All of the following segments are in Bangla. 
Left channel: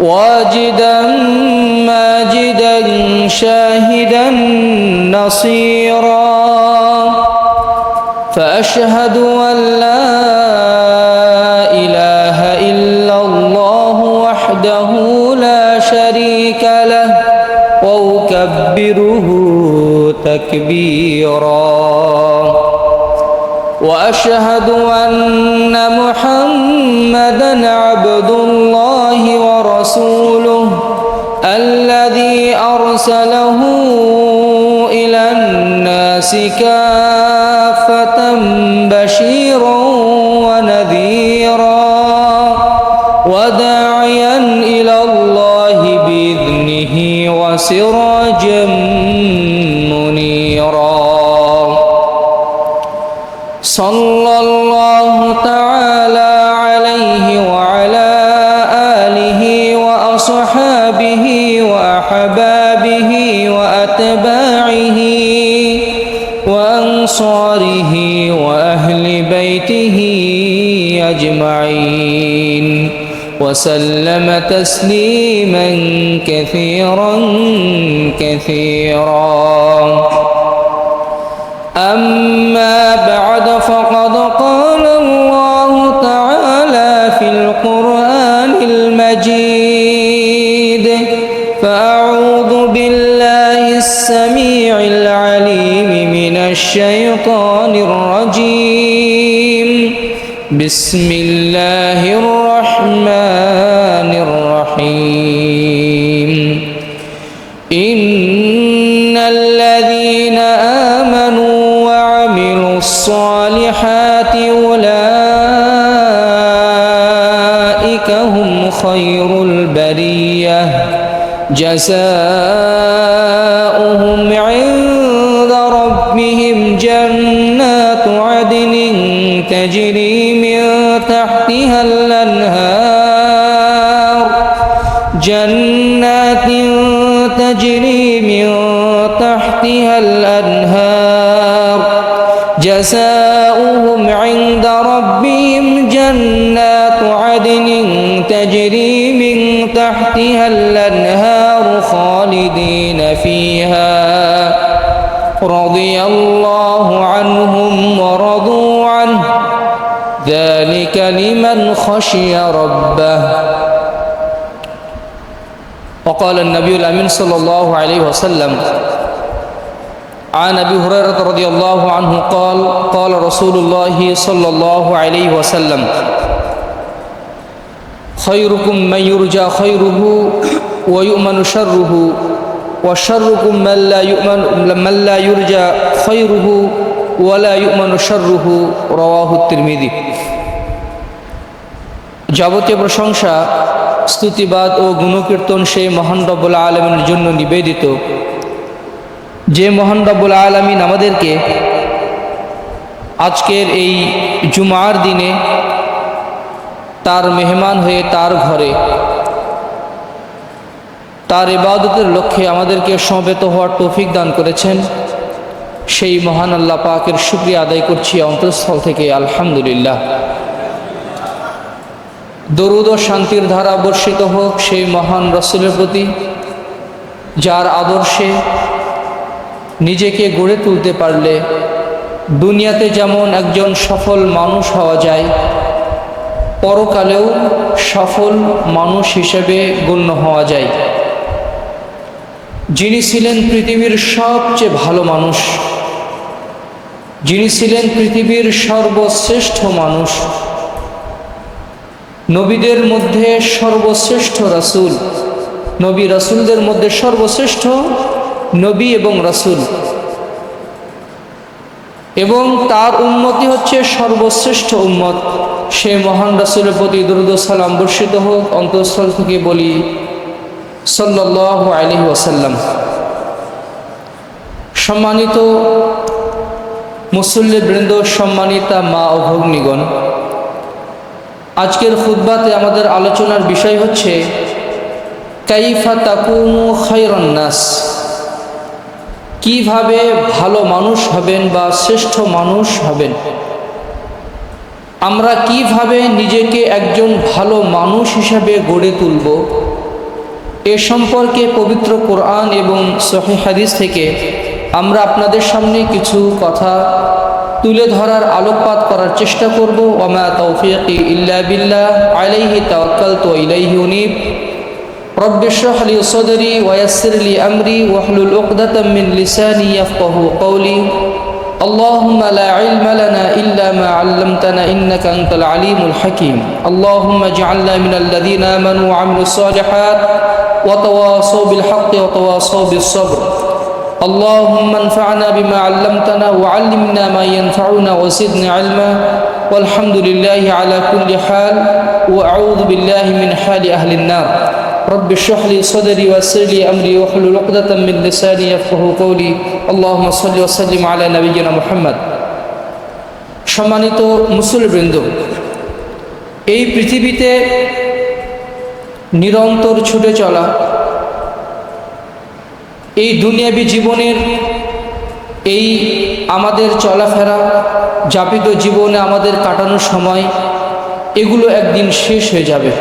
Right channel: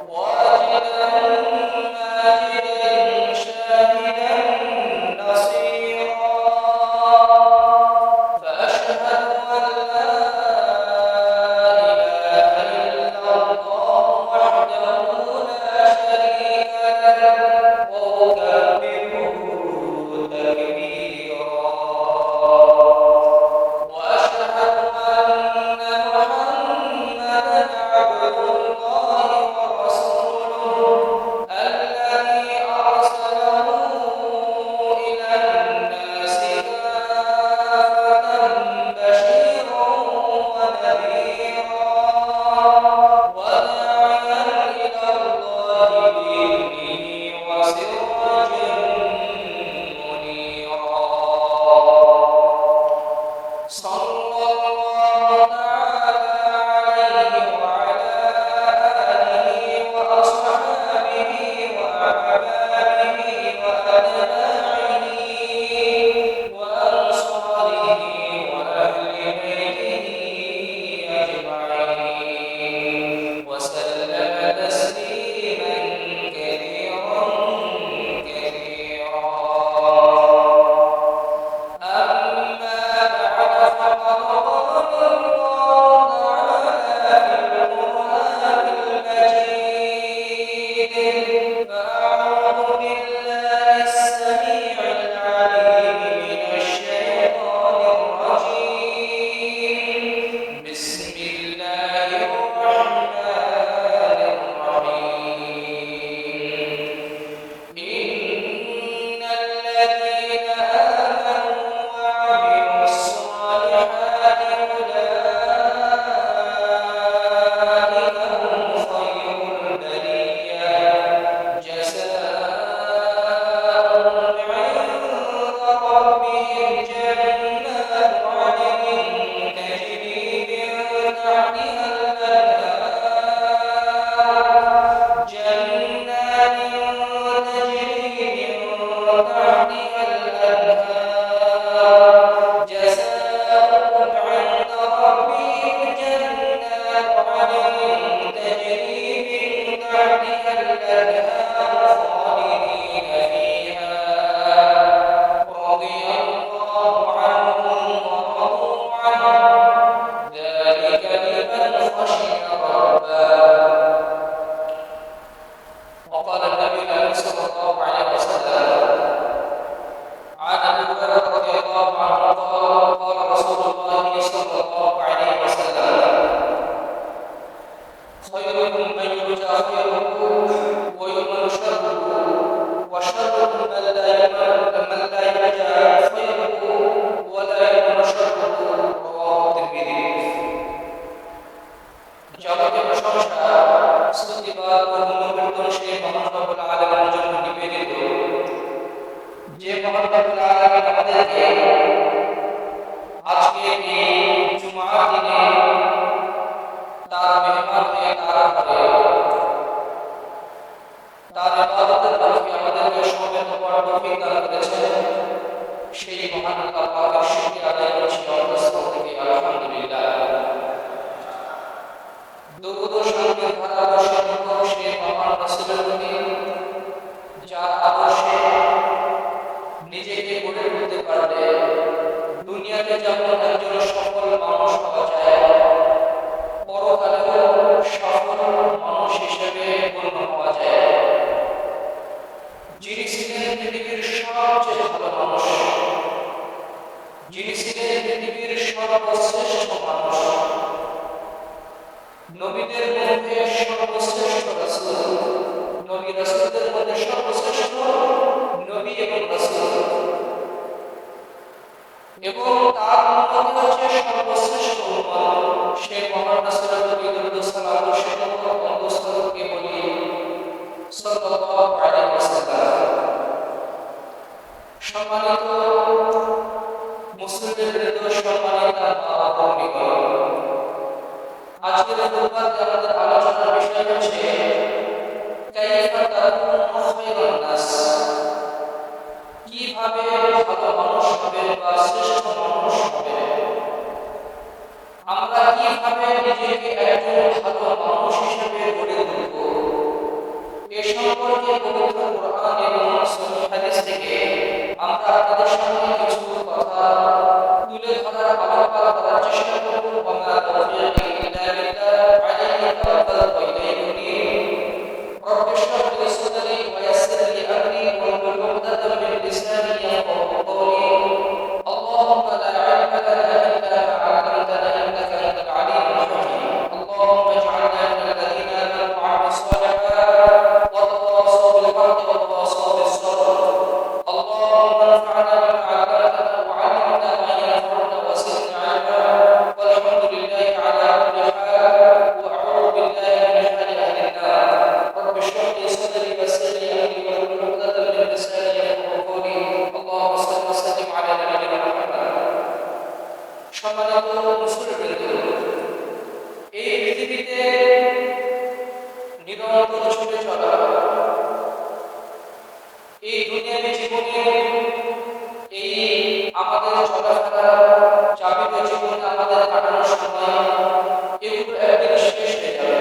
واجدا ماجدا شاهدا نصيرا فأشهد أن لا إله إلا الله وحده لا شريك له وأكبره تكبيرا وأشهد أن محمدا عبد الله ورسوله الذي أرسله إلى الناس كافة بشيرا ونذيرا وداعيا إلى الله بإذنه وسراجا منيرا صلى الله تعالى عليه وعلى آله وأصحابه وأحبابه وأتباعه وأنصاره وأهل بيته أجمعين وسلم تسليما كثيرا كثيرا. أما بعد فقد قال الله تعالى في القرآن المجيد فأعوذ بالله السميع العليم من الشيطان الرجيم بسم الله الرحمن الرحيم إن الذين آمنوا وعملوا الصالحات أولئك هم خير البرية جزاؤهم عند ربهم جنات عدن تجري من تحتها الأنهار جنات تجري من تحتها الأنهار جزاؤهم عند ربهم جنات عدن تجري من تحتها الأنهار خالدين فيها رضي الله عنهم ورضوا عنه ذلك لمن خشي ربه. وقال النبي الأمين صلى الله عليه وسلم عن أبي هريرة رضي الله عنه قال قال رسول الله صلى الله عليه وسلم خيركم من يرجى خيره ويؤمن شره وشركم من لا يرجى خيره ولا يؤمن شره رواه الترمذي. যাবতীয় প্রশংসা স্তুতিবাদ ও গুণকীর্তন সেই মহান রব্বুল আলামিনের জন্য নিবেদিত, যে মহান রব্বুল আলামিন আমাদেরকে আজকের এই জুমার দিনে তার মেহমান হয়ে তার ঘরে তার ইবাদতের লক্ষ্যে আমাদেরকে সমবেত হওয়ার তৌফিক দান করেছেন। সেই মহান আল্লাহ পাকের শুকরিয়া আদায় করছি অন্তঃস্থল থেকে আলহামদুলিল্লাহ। দরুদ ও শান্তির ধারা বর্ষিত হোক সেই মহান রাসূলের প্রতি, যার আদর্শে নিজেকে গড়ে তুলতে পারলে দুনিয়াতে যেমন একজন সফল মানুষ হওয়া যায়, পরকালেও সফল মানুষ হিসেবে গণ্য হওয়া যায়। যিনি ছিলেন পৃথিবীর সবচেয়ে ভালো মানুষ, যিনি ছিলেন পৃথিবীর সর্বশ্রেষ্ঠ মানুষ, নবীদের মধ্যে সর্বশ্রেষ্ঠ রাসূল, নবী রাসূলদের মধ্যে সর্বশ্রেষ্ঠ নবী এবং রাসূল, এবং তার উম্মতি হচ্ছে সর্বশ্রেষ্ঠ উম্মত, সেই মহান রাসূলের প্রতি দরুদ ও সালাম বর্ষিত হোক। অন্তঃস্থল থেকে বলি সাল্লাল্লাহু আলাইহি ওয়াসাল্লাম। সম্মানিত মুসল্লিবৃন্দ, সম্মানিতা মা ও ভগ্নীগণ, আজকের খুতবাতে আমাদের আলোচনার বিষয় হচ্ছে কাইফা তাকুনু খায়রান নাস, কিভাবে ভালো মানুষ হবেন বা শ্রেষ্ঠ মানুষ হবেন। আমরা কিভাবে নিজেকে একজন ভালো মানুষ হিসাবে গড়ে তুলব, এ সম্পর্কে পবিত্র কোরআন এবং সহিহ হাদিস থেকে আমরা আপনাদের সামনে কিছু কথা তুলে ধরার আলোকপাত করার চেষ্টা করব। ওয়া মা তাওফীকি ইল্লা বিল্লাহ আলাইহি তাওয়াক্কালতু ওয়া ইলাইহি উনীব। রব্বি ইশরাহ লি সাদরি ওয়া ইয়াসসির লি আমরি ওয়াহলুল উকদাতাম মিন লিসানি ইয়াফকাহু কওলি। اللهم لا علم لنا إلا ما علمتنا إنك أنت العليم الحكيم. اللهم اجعلنا من الذين آمنوا وعملوا الصالحات وتواصوا بالحق وتواصوا بالصبر. اللهم انفعنا بما علمتنا وعلمنا ما ينفعنا وزدنا علما والحمد لله على كل حال وأعوذ بالله من حال أهل النار. رب اشرح لي صدري ويسر لي امري واحلل عقدة من لساني يفقهوا قولي. اللهم صل وسلم على نبينا محمد. সম্মানিত মুসলিমবৃন্দ, এই পৃথিবীতে নিরন্তর ছুটে চলা এই দুনিয়াবী জীবনের এই আমাদের চলাফেরা, যাপিত জীবনে আমাদের কাটানোর সময়, এগুলো একদিন শেষ হয়ে যাবে।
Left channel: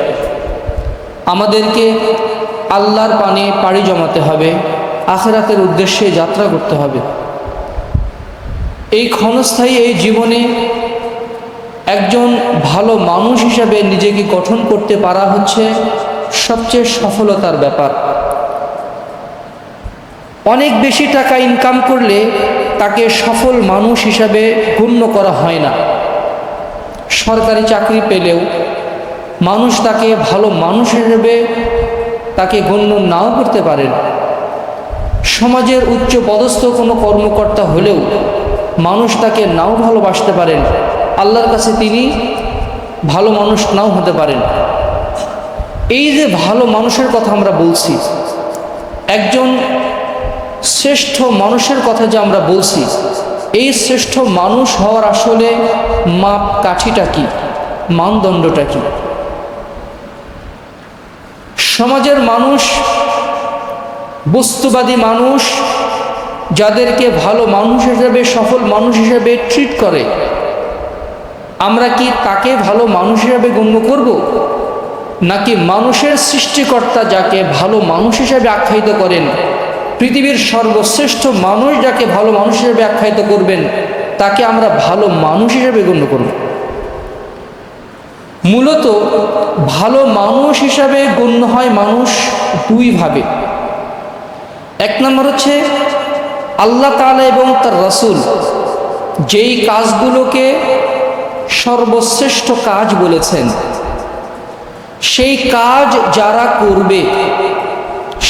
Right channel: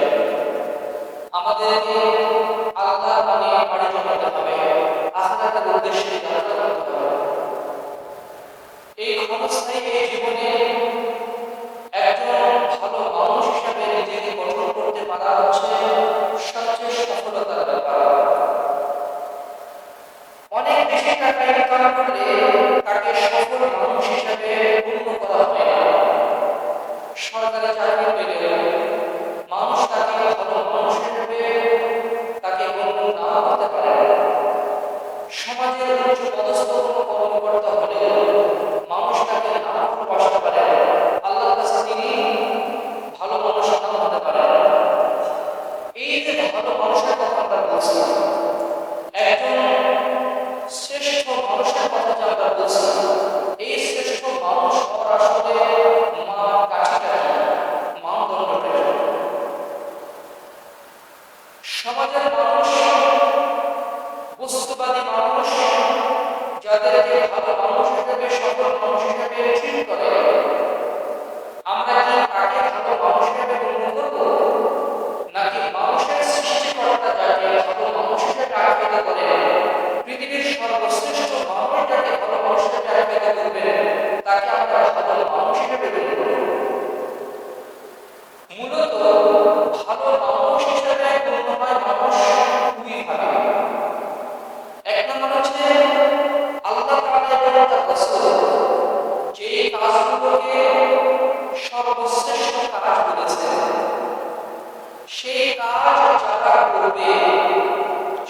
আমাদেরকে আল্লাহর পানে পাড়ি জমাতে হবে, আখিরাতের উদ্দেশ্যে যাত্রা করতে হবে। এই ক্ষণস্থায়ী এই জীবনে একজন ভালো মানুষ হিসাবে নিজেকে গঠন করতে পারা হচ্ছে সবচেয়ে সফলতার ব্যাপার। অনেক বেশি টাকা ইনকাম করলে তাকে সফল মানুষ হিসাবে গণ্য করা হয় না। সরকারি চাকরি পেলেও মানুষ তাকে ভালো মানুষ হিসেবে তাকে গণ্য নাও করতে পারেন। সমাজের উচ্চ পদস্থ কোনো কর্মকর্তা হলেও মানুষ তাকে নাও ভালোবাসতে পারেন, আল্লাহর কাছে তিনি ভালো মানুষ নাও হতে পারেন। এই যে ভালো মানুষের কথা আমরা বলছি, একজন শ্রেষ্ঠ মানুষের কথা যে আমরা বলছি, এই শ্রেষ্ঠ মানুষ হওয়ার আসলে মাপকাঠিটা কি, মানদণ্ডটা কি? সমাজের মানুষ, বস্তুবাদী মানুষ, যাদেরকে ভালো মানুষ হিসেবে, সফল মানুষ হিসেবে ট্রিট করে, আমরা কি তাকে ভালো মানুষ হিসেবে গণ্য করব? নাকি মানুষের সৃষ্টিকর্তা যাকে ভালো মানুষ হিসেবে আখ্যায়িত করেন, পৃথিবীর সর্বশ্রেষ্ঠ মানুষ যাকে ভালো মানুষ হিসেবে আখ্যায়িত করবেন, তাকে আমরা ভালো মানুষ হিসেবে গণ্য করব? মূলত ভালো মানুষ হিসাবে গণ্য হয় মানুষ দুইভাবে। এক নম্বর হচ্ছে আল্লাহ তাআলা এবং তার রাসূল যেই কাজগুলোকে সর্বশ্রেষ্ঠ কাজ বলেছেন, সেই কাজ যারা করবে,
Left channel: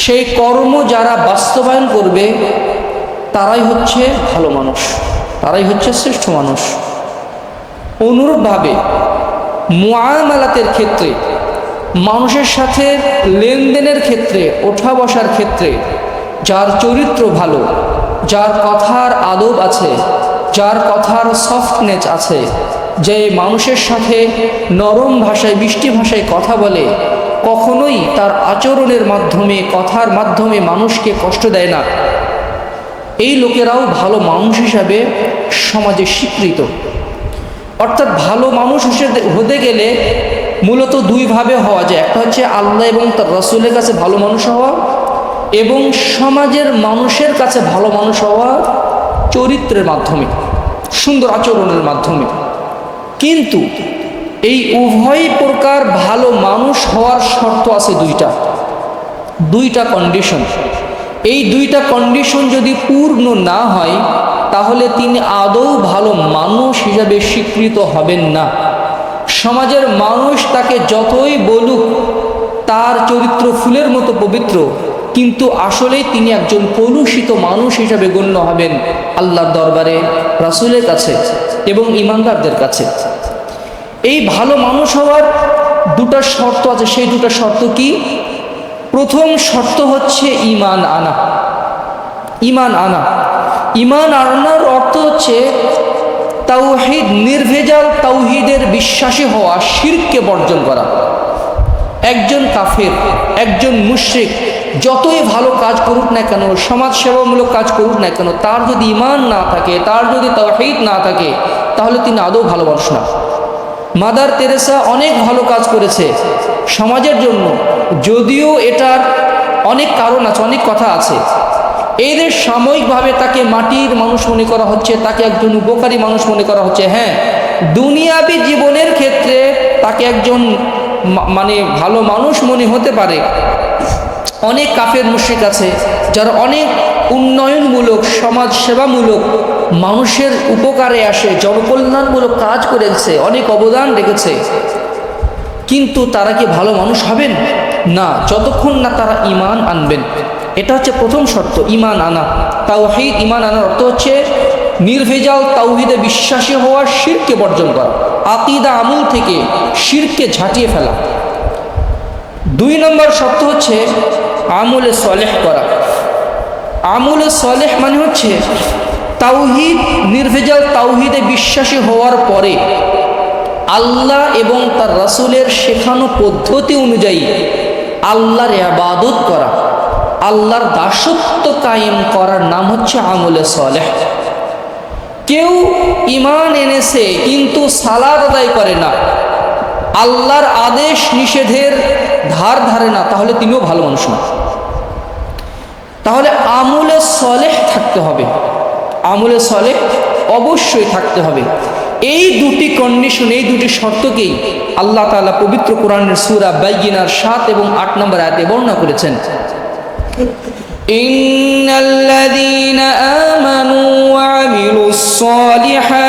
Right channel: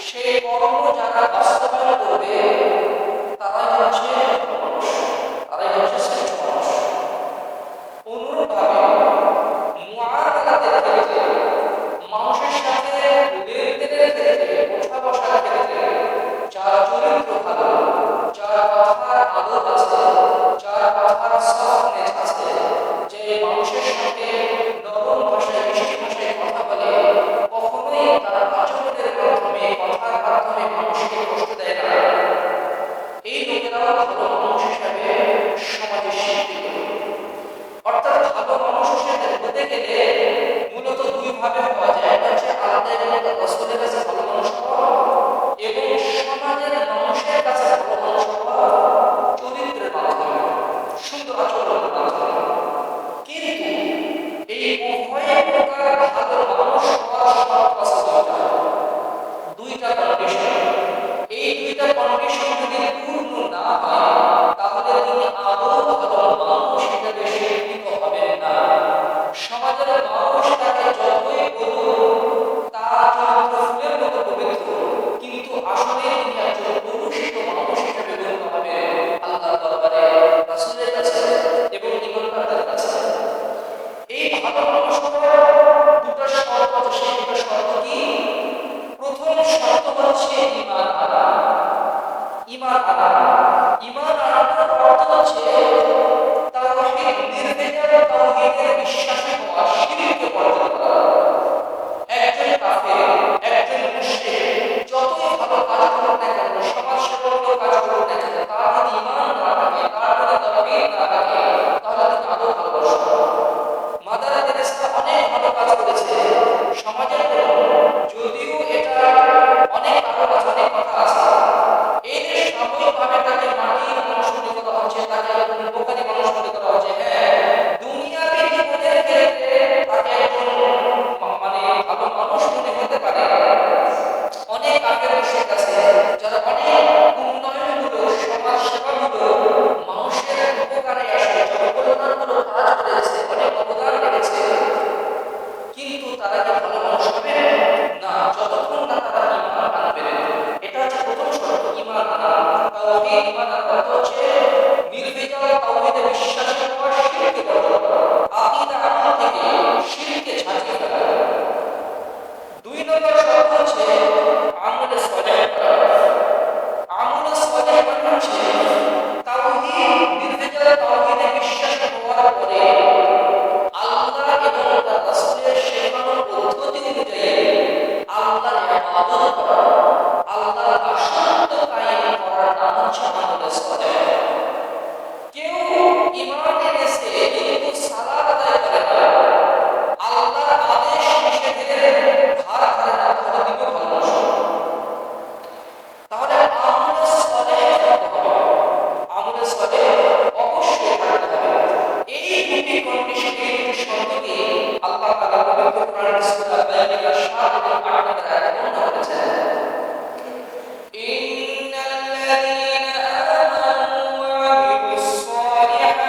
সেই কর্ম যারা বাস্তবায়ন করবে, তারাই হচ্ছে ভালো মানুষ, তারাই হচ্ছে শ্রেষ্ঠ মানুষ। অনুরূপভাবে মুআমালাতের ক্ষেত্রে, মানুষের সাথে লেনদেনের ক্ষেত্রে, ওঠা বসার ক্ষেত্রে যার চরিত্র ভালো, যার কথার আদব আছে, যার কথার সফটনেস আছে, যে মানুষের সাথে নরম ভাষায়, মিষ্টি ভাষায় কথা বলে, কখনোই তার আচরণের মাধ্যমে, কথার মাধ্যমে মানুষকে কষ্ট দেয় না, এই লোকেরাও ভালো মানুষ হিসাবে সমাজে স্বীকৃত। অর্থাৎ ভালো মানুষ হতে গেলে মূলত দুইভাবে হওয়া যায়। একটা হচ্ছে আল্লাহ এবং তার রাসূলের কাছে ভালো মানুষ হওয়া, এবং সমাজের মানুষের কাছে ভালো মানুষ হওয়া চরিত্রের মাধ্যমে, সুন্দর আচরণের মাধ্যমে। কিন্তু এই উভয় প্রকার ভালো মানুষ হওয়ার শর্ত আছে দুইটা কন্ডিশন। এই দুইটা কন্ডিশন যদি পূর্ণ না হয়, তাহলে তিনি আদৌ ভালো মানুষ হিসাবে স্বীকৃত হবেন না। সমাজের মানুষ তাকে যতই বলুক তার চরিত্র ফুলের মতো পবিত্র, কিন্তু আসলেই তিনি একজন কলুষিত মানুষ হিসাবে গণ্য হবেন আল্লাহর দরবারে, রাসূলের কাছে এবং ঈমানদারদের কাছে। এই ভালো মানুষ হওয়ার দুটা শর্ত আছে। সেই দুটা শর্ত কি? প্রথম শর্ত হচ্ছে ঈমান আনা। ঈমান আনার অর্থ হচ্ছে তাওহীদ, নির্ভেজাল তাওহীদের বিশ্বাসী হওয়া, শিরককে বর্জন করা। একজন কাফের, একজন মুশরিক যতই ভালো কাজ করুক না কেন, সমাজসেবামূলক কাজ করুক না কেন, তার যদি ঈমান না থাকে, তার যদি তাওহীদ না থাকে, তাহলে তিনি আদৌ ভালো মানুষ না। মাদার তেরেসা অনেক ভালো কাজ করেছে সমাজের জন্য, যদিও এটার অনেক কারণ আছে, অনেক কথা আছে। এদের সাময়িকভাবে তাকে মাটির মানুষ মনে করা হচ্ছে, তাকে একজন উপকারী মানুষ মনে করা হচ্ছে। হ্যাঁ, দুনিয়াবী জীবনের ক্ষেত্রে তাকে একজন মানে ভালো মানুষ মনে হতে পারে। অনেক কাফের মুশরিক আছে যারা অনেক উন্নয়নমূলক, সমাজ সেবামূলক, মানুষের উপকারে আসে, জনকল্যাণমূলক কাজ করেছে, অনেক অবদান রেখেছে, কিন্তু তারা কি ভালো মানুষ হবেন? না, যতক্ষণ না তারা ঈমান আনবেন। এটা হচ্ছে প্রথম শর্ত, ঈমান আনা। তাওহীদ, ঈমান আনার অর্থ হচ্ছে নির্ভেজাল তাওহীদে বিশ্বাসী হওয়া, শিরকে বর্জন করা, আকীদা আমল থেকে শিরকে ঝাঁটিয়ে ফেলা। 2 নম্বর শর্ত হচ্ছে আমলে সলেহ করা। আমলে সলেহ মানে হচ্ছে তাওহীদ, নির্ভেজাল তাওহীদে বিশ্বাসী হওয়ার পরে আল্লাহ এবং তার রাসূলের শেখানো পদ্ধতি অনুযায়ী আল্লাহর ইবাদত করা, আল্লাহর দাসত্ব কায়েম করার নাম হচ্ছে আমলে সলেহ। কেউ ঈমান এনেছে কিন্তু সালাত আদায় করে না, আল্লাহর আদেশ নিষেধের ধার ধারে না, তাহলে তিনিও ভালো মানুষ না। তাহলে আমলে সলেহ থাকতে হবে, আমলে সলেহ অবশ্যই থাকতে হবে। এই দুটি কন্ডিশন, এই দুটি শর্তকেই আল্লাহ তাআলা পবিত্র কোরআনের সূরা বাইয়িনার 7 এবং 8 নম্বর আয়াতে বর্ণনা করেছেন। ইন্নাল্লাযীনা আমানু ওয়া আমিলুস সালিহাত